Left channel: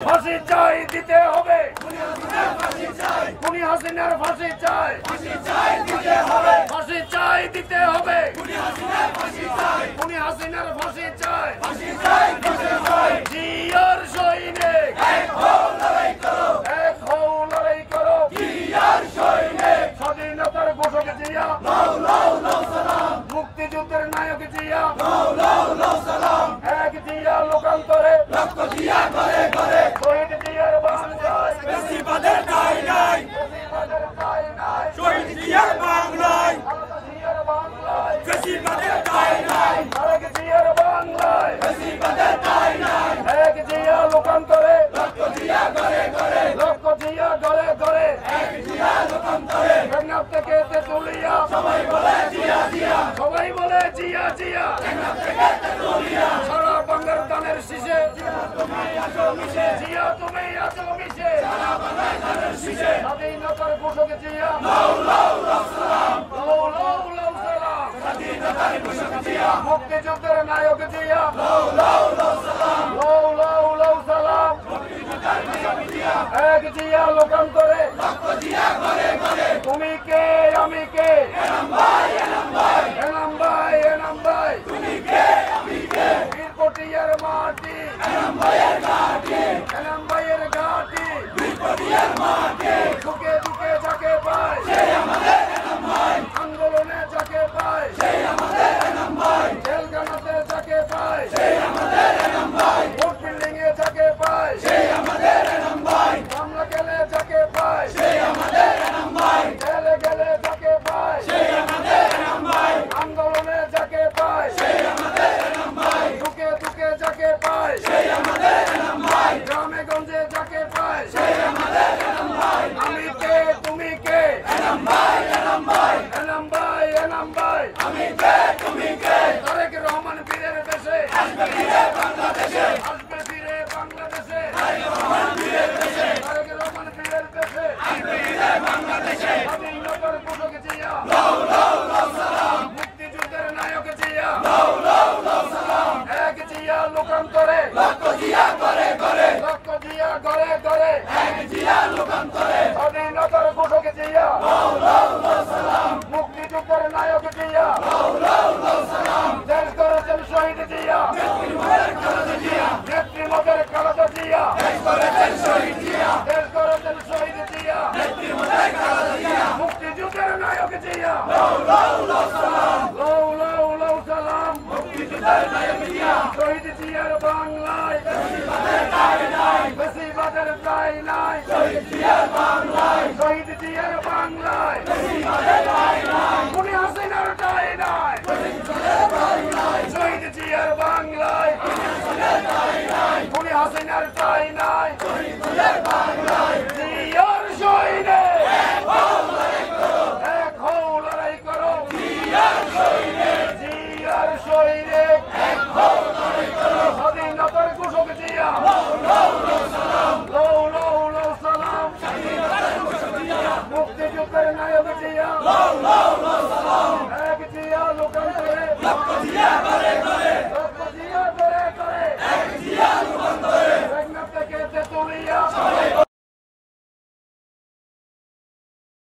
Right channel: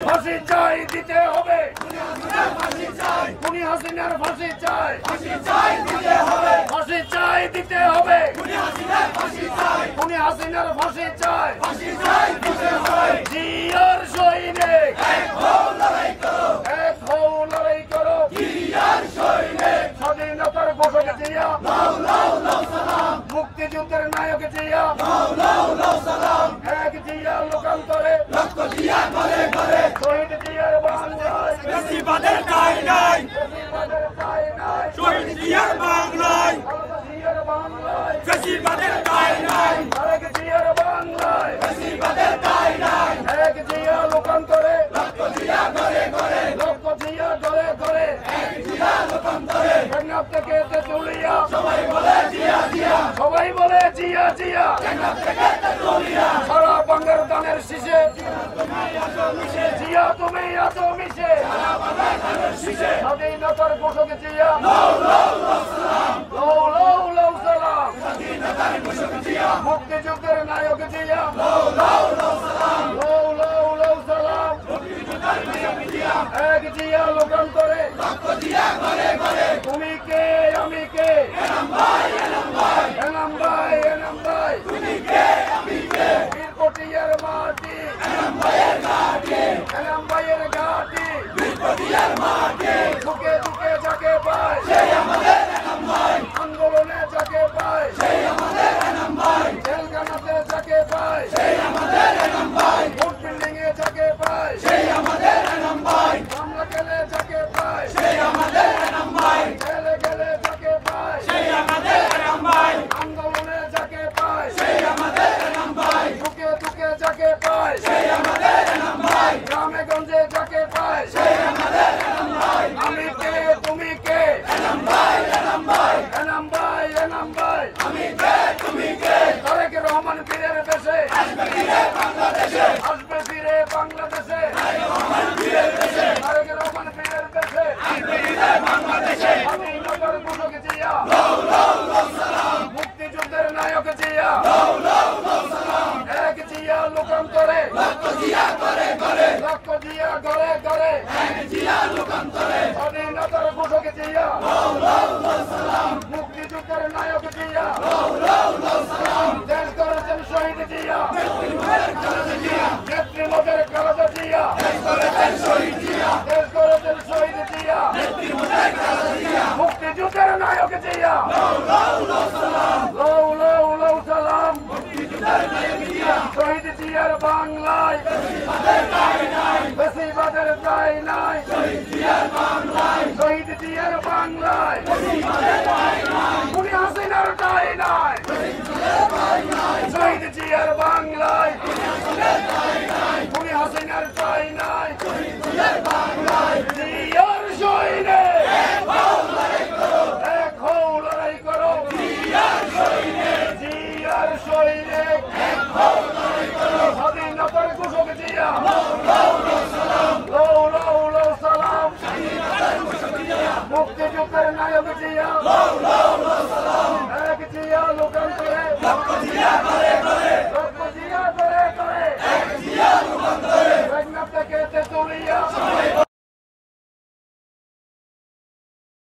ফাঁসি চাই দিতে হবে, খুনি হাসিনার ফাঁসি চাই, দিতে হবে, ফাঁসি চাই দিতে হবে, খুনি হাসিনার ফাঁসি চাই, দিতে হবে। জিয়ার সৈনিক এক হও লড়াই করো, এক হও লড়াই করো, জিয়ার সৈনিক স্বাধীনতার ঘোষক জিয়া, লাও লাও লাও সালাম, মুক্তিযুদ্ধের নায়ক জিয়া, লাও লাও লাও সালাম, এক জিয়া লোকান্তরে রক্ত দিয়া করে করে, শহীদ জিয়ার বাংলায় বেশিবাদের ঠাঁই নাই, বেশিবাদের ঠাঁই নাই, শহীদ জিয়ার বাংলায়, জিয়ার বাংলায় বেশিবাদের ঠাঁই নাই, এক জিয়ার বাংলায় বেশিবাদের ঠাঁই নাই, এক জিয়া লোকান্তরে রক্ত দিয়া করে করে, রক্ত জিয়া ধরে ধরে, এক জিয়া লোকান্তরে টেকনাফ থেকে তেঁতুলিয়া সবাই বলে জিয়া জিয়া, সবাই বলে জিয়া জিয়া, টেকনাফ থেকে তেঁতুলিয়া সারা বাংলার দানের শীষে, তুমি আছো মিশে, জিয়া তুমি আছো মিশে, সারা বাংলার দানের শীষে, স্বাধীনতার ঘোষক জিয়া, লাও লাও লাও সালাম, লাও লাও লাও সালাম, স্বাধীনতার ঘোষক জিয়া, মুক্তিযুদ্ধের নায়ক জিয়া, লাও লাও লাও সালাম, লাও লাও লাও সালাম, মুক্তিযুদ্ধের নায়ক জিয়া, এক জিয়া লোকান্তরে রক্ত দিয়া করে করে, তুমি কে আমি কে, এনাম ভাই এনাম ভাই, এনাম ভাই এনাম ভাই, তুমি কে আমি কে, বীরকটিয়ার মাটি এনাম ভাইয়ের ঘাটি, এনাম ভাইয়ের ঘাটি বীরকটিয়ার মাটি, দুকে দুকে যাকে পায় সেই আমাদের এনাম ভাই, আন্দোলনে যাকে পায় সেই আমাদের এনাম ভাই, জেলখানাতে যাকে পায় সেই আমাদের এনাম ভাই, ভোট বিল্ডিং এ যাকে পায় সেই আমাদের এনাম ভাই, মামলা গেলে যাকে পায় সেই আমাদের এনাম ভাই, জেলে গেলে যাকে পায় সেই আমাদের এনাম ভাই, আন্দোলনে যাকে পায় সেই আমাদের এনাম ভাই, দুকে দুকে যাকে পায় সেই আমাদের এনাম ভাই, গ্রামে গঞ্জে যাকে পায় সেই আমাদের এনাম ভাই, আমি কে তুমি কে, এনাম ভাই এনাম ভাই, এনাম ভাই এনাম ভাই, আমি কে তুমি কে, তারেক রহমান বীরের দেশে আসবে ফিরে বাংলাদেশে, আসবে ফিরে বাংলাদেশে, তারেক রহমান বীরের দেশে, তারেক রহমান বীরের দেশে আসবে ফিরে বাংলাদেশে, স্বাধীনতার ঘোষক জিয়া, লাও লাও লাও সালাম, মুক্তিযুদ্ধের নায়ক জিয়া, লাও লাও লাও সালাম, এক জিয়া লোকান্তরে রক্ত দিয়া করে করে, রক্ত দিয়া করে করে, এক জিয়া লোকান্তরে স্বাধীনতার ঘোষক জিয়া, লাও লাও লাও সালাম, মুক্তিযুদ্ধের নায়ক জিয়া, লাও লাও লাও সালাম, দেশ গড়েছেন শহীদ জিয়া, নেত্রীমতের খালেদা জিয়া, দেশ গড়েছেন শহীদ জিয়া, দেশ গড়েছেন শহীদ জিয়া, নেত্রীমতের খালেদা জিয়া, মুক্তিযুদ্ধের নায়ক জিয়া, লাও লাও লাও সালাম, লাও লাও লাও সালাম, মুক্তিযুদ্ধের নায়ক জিয়া, শহীদ জিয়ার বাংলায় বেশিবাদের ঠাঁই নাই, বেশিবাদের ঠাঁই নাই, শহীদ জিয়ার বাংলায়, শহীদ জিয়ার বাংলায় বেশিবাদের ঠাঁই নাই, খুনি হাসিনার ঠাঁই নাই, শহীদ জিয়ার বাংলায় খুনি হাসিনার ঠাঁই নাই, শহীদ জিয়ার বাংলায়, জিয়ার সৈনিক এক হও লড়াই করো, জিয়ার সৈনিক, জিয়ার সৈনিক এক হও লড়াই করো, স্বাধীনতার ঘোষক জিয়া, লাও লাও লাও সালাম, লাও লাও লাও সালাম, স্বাধীনতার ঘোষক জিয়া, মুক্তিযুদ্ধের নায়ক জিয়া, লাও লাও লাও সালাম,